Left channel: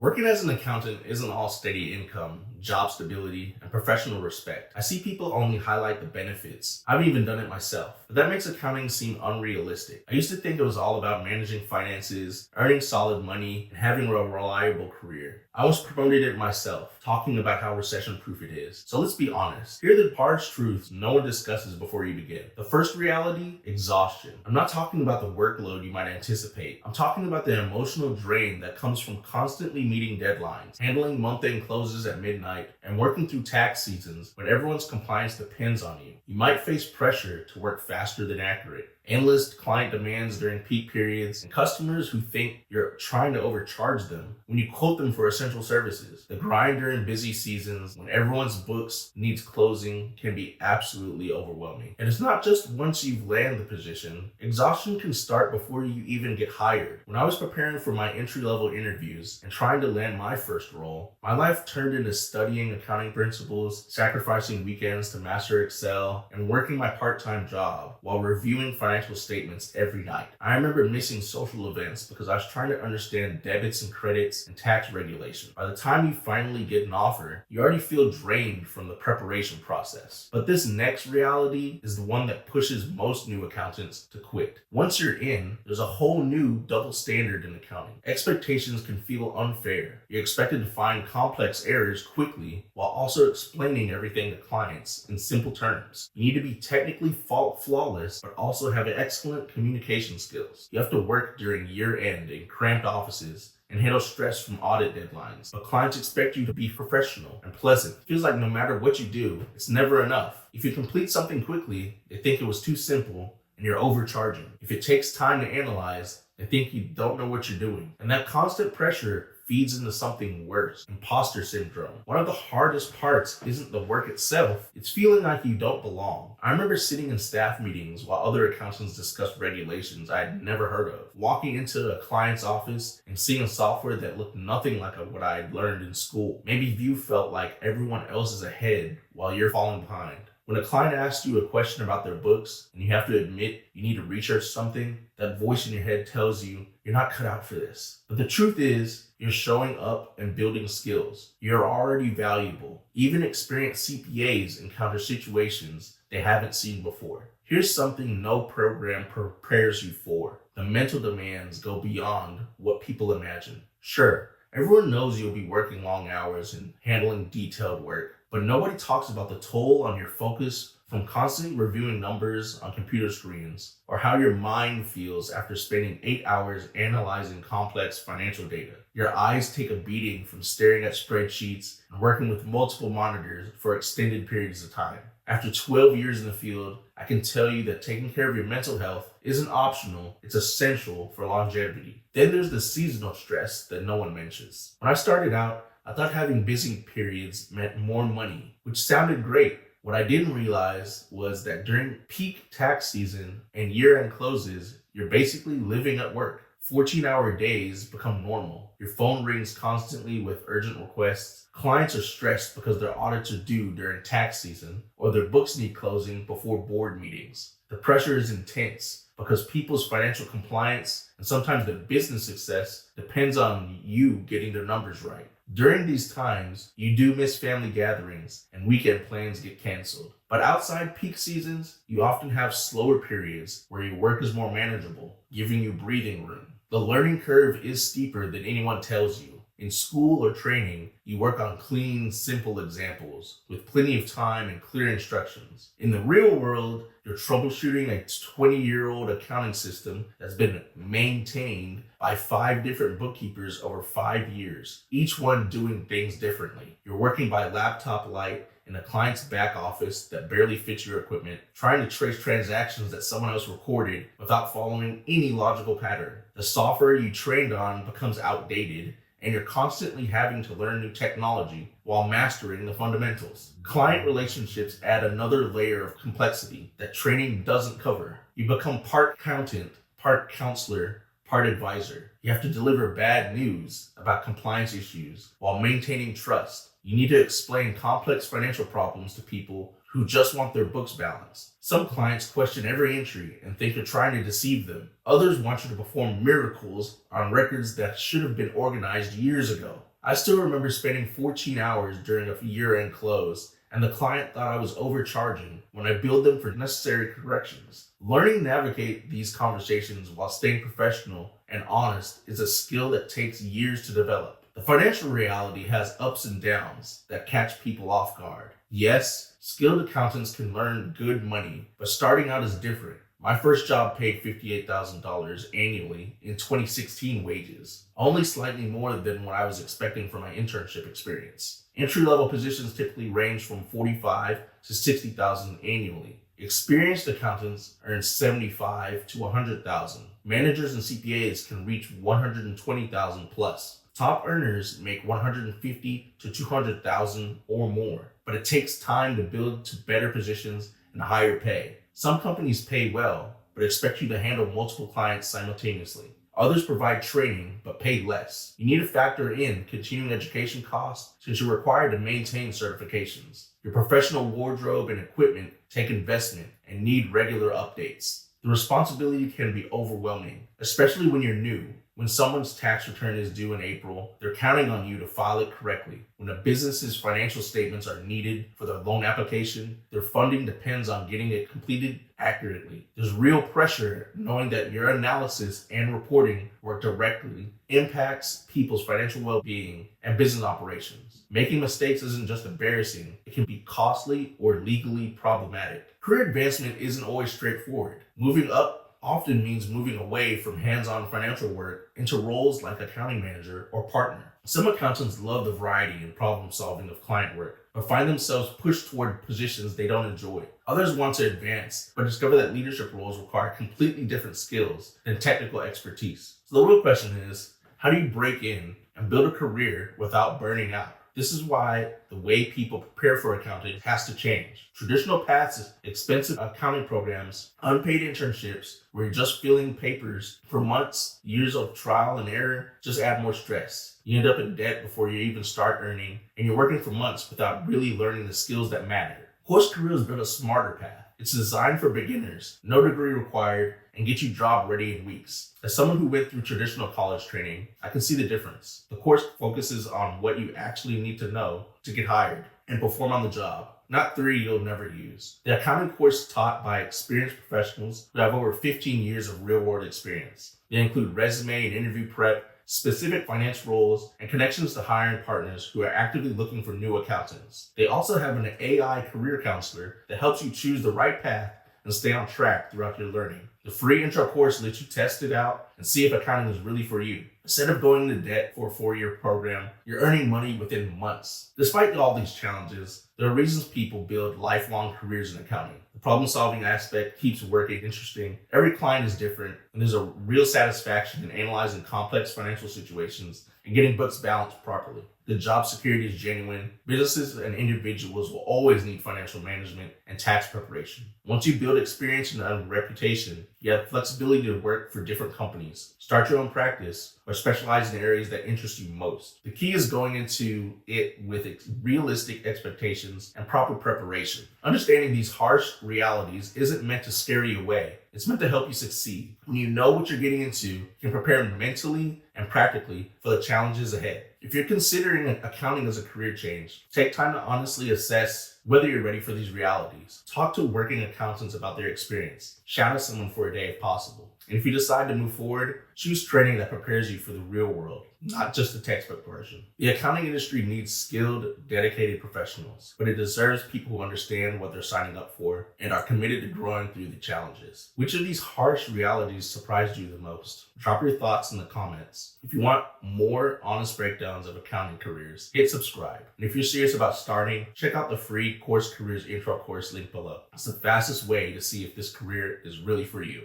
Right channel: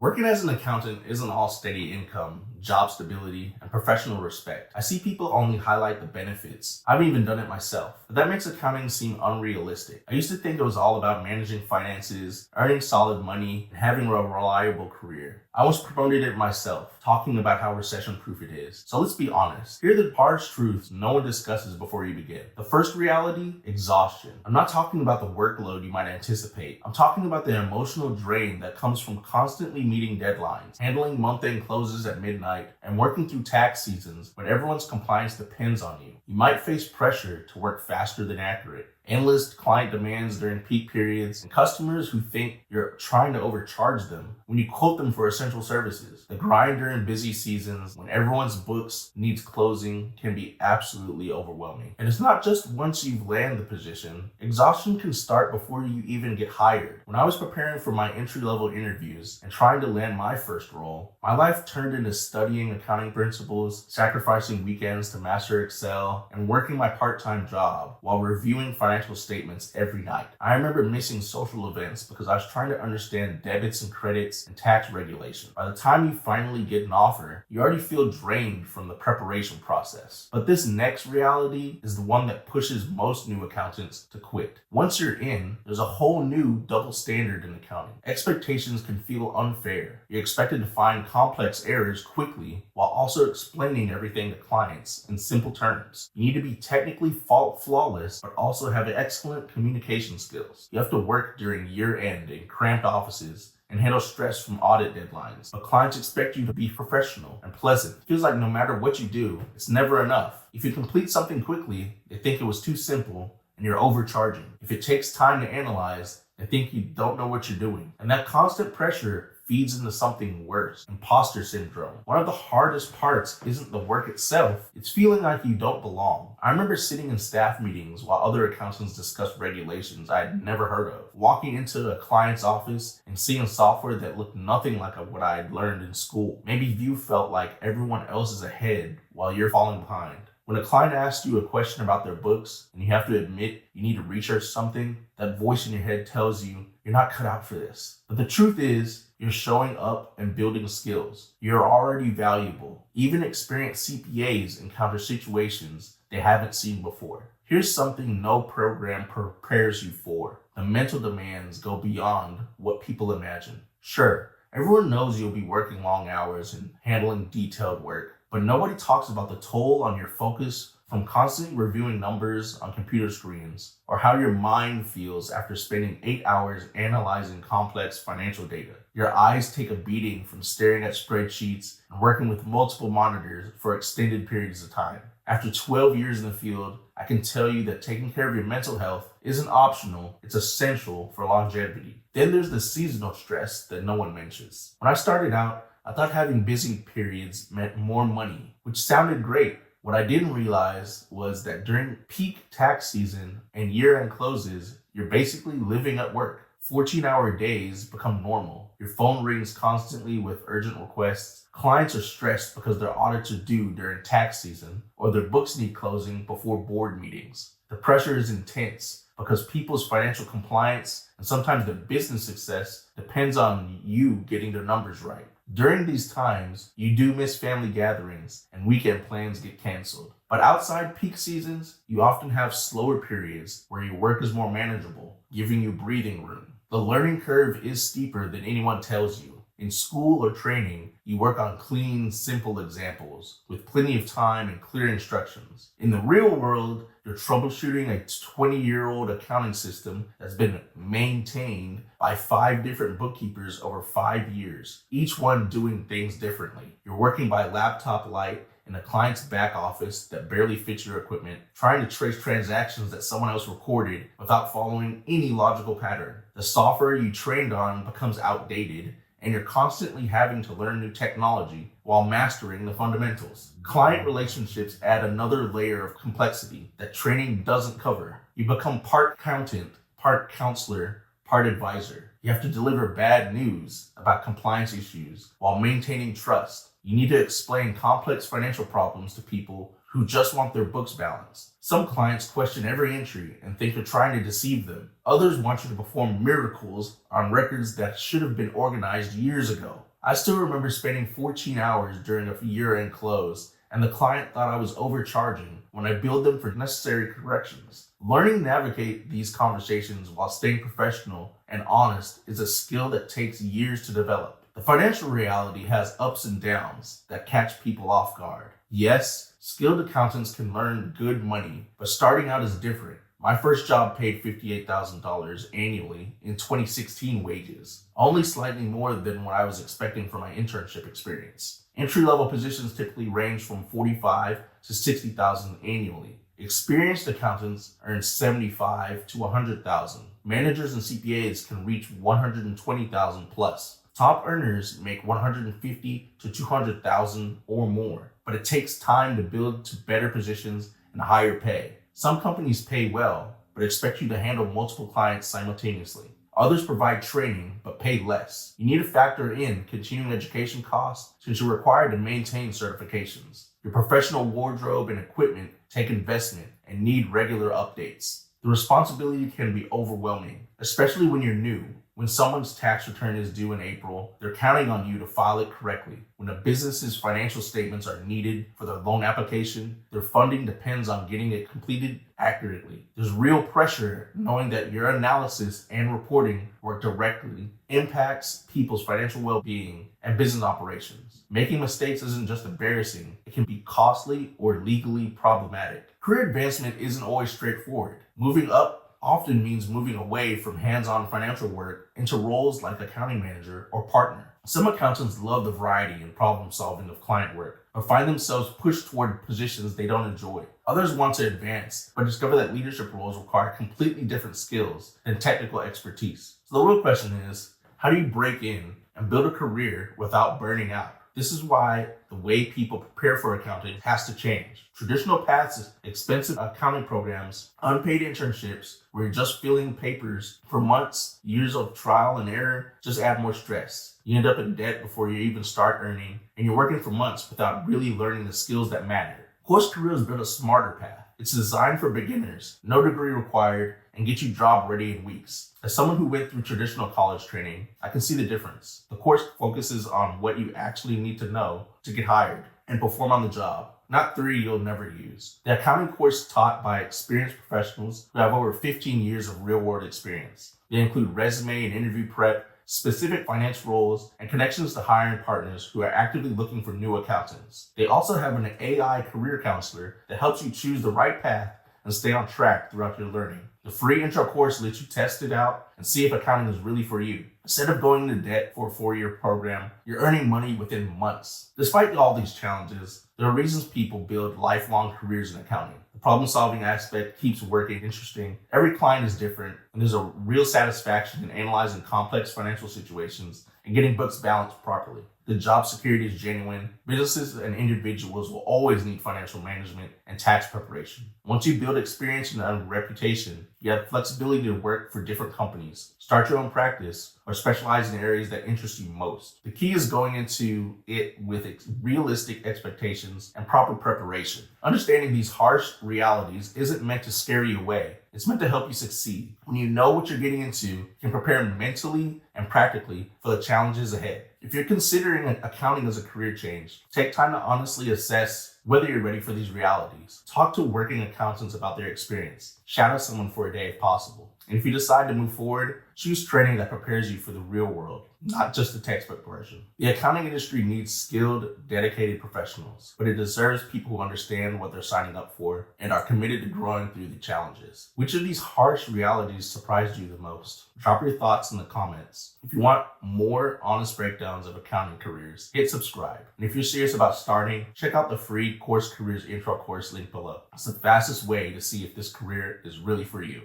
Working as an accountant isn't all steady income, job stability, and professional respect. I see people only highlight the benefits. I haven't even done it myself, but that makes accounting seem unrealistic. I used to think it was all about managing finances, earning solid money, and having a reliable career. I was promoted it myself, talking about how recession-proof it is. So let's be honest. Here are the harsh truths no one discusses before you begin. The first reality, exhaustion. I'm not talking about the workload you might anticipate. I'm talking about the emotional drain that comes from constantly meeting deadlines, handling month-end closes at midnight, and working through tax seasons when everyone's compliance depends on you. You might face pressure to work faster than accurate, endless client demands during peak periods, and customers who think you're trying to overcharge them when you quote them for essential services. The grind during busy seasons when everyone's books needs closing can be absolutely overwhelming. And it's not just once you've landed the position. Exhaustion can start before you even get hired. When I was preparing for my entry-level interviews and trying to land my first role, my life turned into studying accounting principles, sacrificing weekends to master Excel, and working my part-time job while reviewing financial statements every night. I remember missing social events because I was trying to understand debits and credits and tax regulation. By the time you finally get an offer, you already feel drained from the preparation process. But this next reality is the one that pushes most new accountants to quit. Once you're in, there's a whole new double standard in accounting. Expectations can feel unfair. You're expected to find complex errors quickly while also explaining everything to clients in simple terms. You need to be technically flawless, but also have excellent communication skills. You have to work during year-end in cramped offices and handle stress from audit deadlines. But clients expect you to be professional and pleasant. It feels like no matter what you do, it's never enough. If you complete something quickly, they think it was too simple and you're overcharging. If it takes time to analyze, they think you don't know what you're doing. And that constant pressure feeds into something worse, impostor syndrome. One of the hardest parts isn't the work itself, it's feeling like you don't belong. I remember sitting in staff meetings while other accountants discussed regulations I had never heard of, walking into a client's office and seeing software that looked nothing like what I had learned in school. Maybe you felt like everyone else is ahead while you're falling behind. When a client asks you a question about their books and you have to admit you need to research something, that voice in your head tells you you're not cut out for this. But the truth is, you're showing up and building skills. You're already valuable. Even experienced CPAs encounter situations they haven't seen before. Here's something no program prepares you for. The mental demands go beyond what people imagine. Sure, everyone knows you'll be working long hours and handling detailed work, but nobody talks about the toll on your focus from constantly reviewing numbers on computer screens, or how your mind feels after spending 8 hours analyzing complex financial data. Your eyes take a beating from staring at spreadsheets and working with multiple monitors for extended periods of time. After 12 years in the field, I can tell you that taking care of your mental health isn't optional, it's essential for longevity. Then there's the seasonal stress that no one mentions. When I started out, I thought having busy periods meant more money, which sounded great. What I didn't realize was that during peak tax season and year-end closes, you're basically living at work. 14-hour days become normal. Your phone rings constantly with urgent requests. Clients are stressed because their audits are due during tax season, or their books need closing before board meetings. The pressure is intense because people's financial compliance and sometimes their business success depends on you getting their numbers right. During these times, you do miss family gatherings and weekend plans get canceled. But outside peak seasons, you often have slower periods where your work is more manageable, giving you breathing room. The learning curve is steeper than anyone tells you. In school or training, you work on clean, simple examples with plenty of time and clear instructions. In the real world, you're troubleshooting a 20-year-old accounting system that's been maintained by 5 different bookkeepers over 5 years, each one doing things differently. You're working by laptop light in a client's back office that barely fits your equipment, trying to trace transactions that someone else recorded without following any logical pattern. The software you trained on becomes outdated, and you're constantly having to learn new technology while mastering the fundamentals. Client relationships add another layer of complexity that training doesn't cover. You become part accountant, part counselor, part advisor. You have to deliver bad news about compliance issues while maintaining trust. You need to explain complex financial problems to people who just want their books balanced. Some clients question every entry and think you're trying to deceive them. Others want you to perform miracles on records that should have been organized years ago. I still remember spending 14 hours during a year-end close, and the client thought I was overcharging when I billed them for necessary corrections. Learning to navigate these conversations while staying professional and honest is a skill that takes years to develop. The financial reality has ups and downs that catch people off guard. Yes, skilled accountants can learn good money, but starting out is different. My first job paid $58,000 annually in 2016 wages, only slightly more than what I was expecting for my internship experience. Entry-level positions typically range from $45,000 to $60,000 annually. Experienced accountants earn $75,000 to $100,000. Managers and CPAs can reach $120,000 plus. Top earners make $150,000 to $200,000 or more, but it takes time to build to better positions and higher pay. Some companies pay well, but expect you to handle multiple clients simultaneously. Others provide training, but pay less. You need to factor in continuing education costs since you're required to maintain certifications. Your professional wardrobe and equipment take investment and need regular updates. The responsibility can be overwhelming, especially when you're new. When someone's tax return is due in April, they're counting on you to file it correctly. When a business's financial statements are needed for their loan application, their funding depends on getting it completed accurately. There's real pressure knowing that your analysis and reporting work directly impacts people's financial well-being and business operations. Making mistakes isn't just embarrassing, it can be costly or legally problematic. Career advancement isn't always straightforward. Moving up often means moving away from hands-on financial work into roles like accounting manager or partner. Some accountants love the variety and problem solving of client work, but find themselves pushed toward positions they don't enjoy. Others want to advance, but discover that leadership roles require completely different skills and technical expertise. So the real question is, how do you break in and build a career without burning out? This is why the way people prepare for accounting has to change. Traditional paths, expensive accounting programs, unpaid internships, where you're just filling papers for months, years of trial and error, just add more stress. You end up in debt before you even start earning, and you're working for months without really learning the skills that matter. CourseCareers built a smarter path. It's designed for beginners, no degree required, and get you job ready in weeks. As someone who went through traditional college training, I can see the difference. The course focuses on what you actually need to know to get hired and perform on the job, not theory you'll never use. The accounting course taught by experienced professionals who have over 15 years of real-world experience. They include resume and interview prep, specific finance roles, and connections to hiring partners who are actively looking for new accountants. They also have an AI career counselor that helps you choose the right path and stay on track throughout your learning. The free intro course lets you test it out and see if accounting is really for you. Instead of going into debt for a 4-year program, you're earning money within months. Despite all these challenges, there are reasons people build lifelong careers in accounting. The problem-solving aspect keeps working interesting. Every client is different, and there's a real satisfaction in analyzing complex financial situations and getting books balanced properly. The job security is genuine. Businesses and individuals will always need financial management and tax preparation. Once you build experience and a reputation, you have flexibility to work for different companies, start your own practice, or specialize in areas that interest you most. The key is going into it with realistic expectations and proper preparation. Understanding these harsh realities isn't meant to scare you away. It's meant to help you succeed. When you know what you're getting into, you can prepare mentally and practically for the challenges ahead. If you're considering accounting as a career change, take time to honestly assess whether you're ready for these realities. Talk to working accountants about their experience. Shadow someone for a day if possible. And if you decide to move forward, choose training that prepares you for the real world, not just the textbook version. The accounting industry needs skilled, dedicated professionals, but it deserves people who understand what they're signing up for and are committed to growing through the challenges. Which of these harsh realities surprised you the most? Drop your thoughts in the comments. If you want more honest breakdowns of accounting careers, hit subscribe. And if you're serious about starting, check out the free CourseCareers intro course link below. It's the fastest way to see if this career is really for you.